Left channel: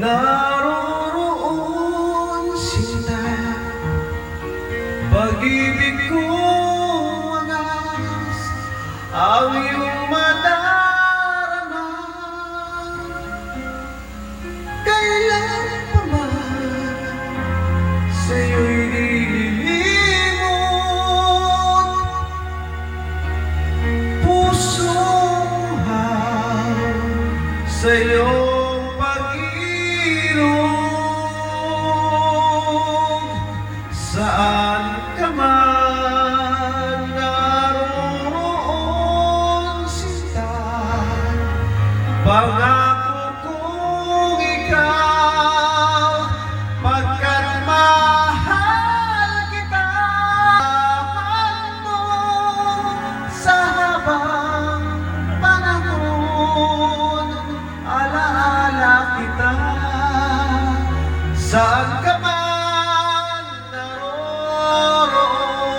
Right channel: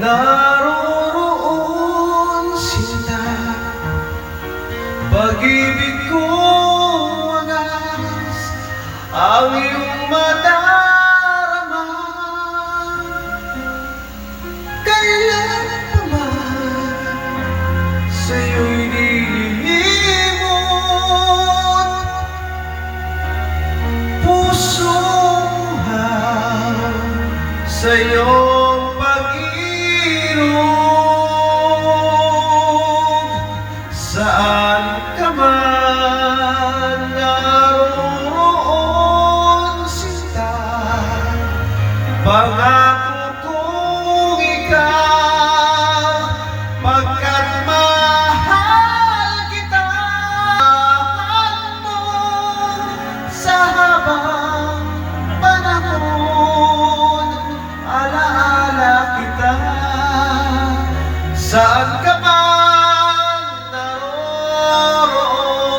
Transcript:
naroroon sinta, pag-ibig ko wagas ang iyong madarama. Kailan pa man sa'yo'y nililimot, pusong sa iyong pag-inog. Saan ka man naroroon sinta, pangako kong ikaw, pagkat mahal kita. Mahal mo sa habang panahon, alaala kita. Saan ka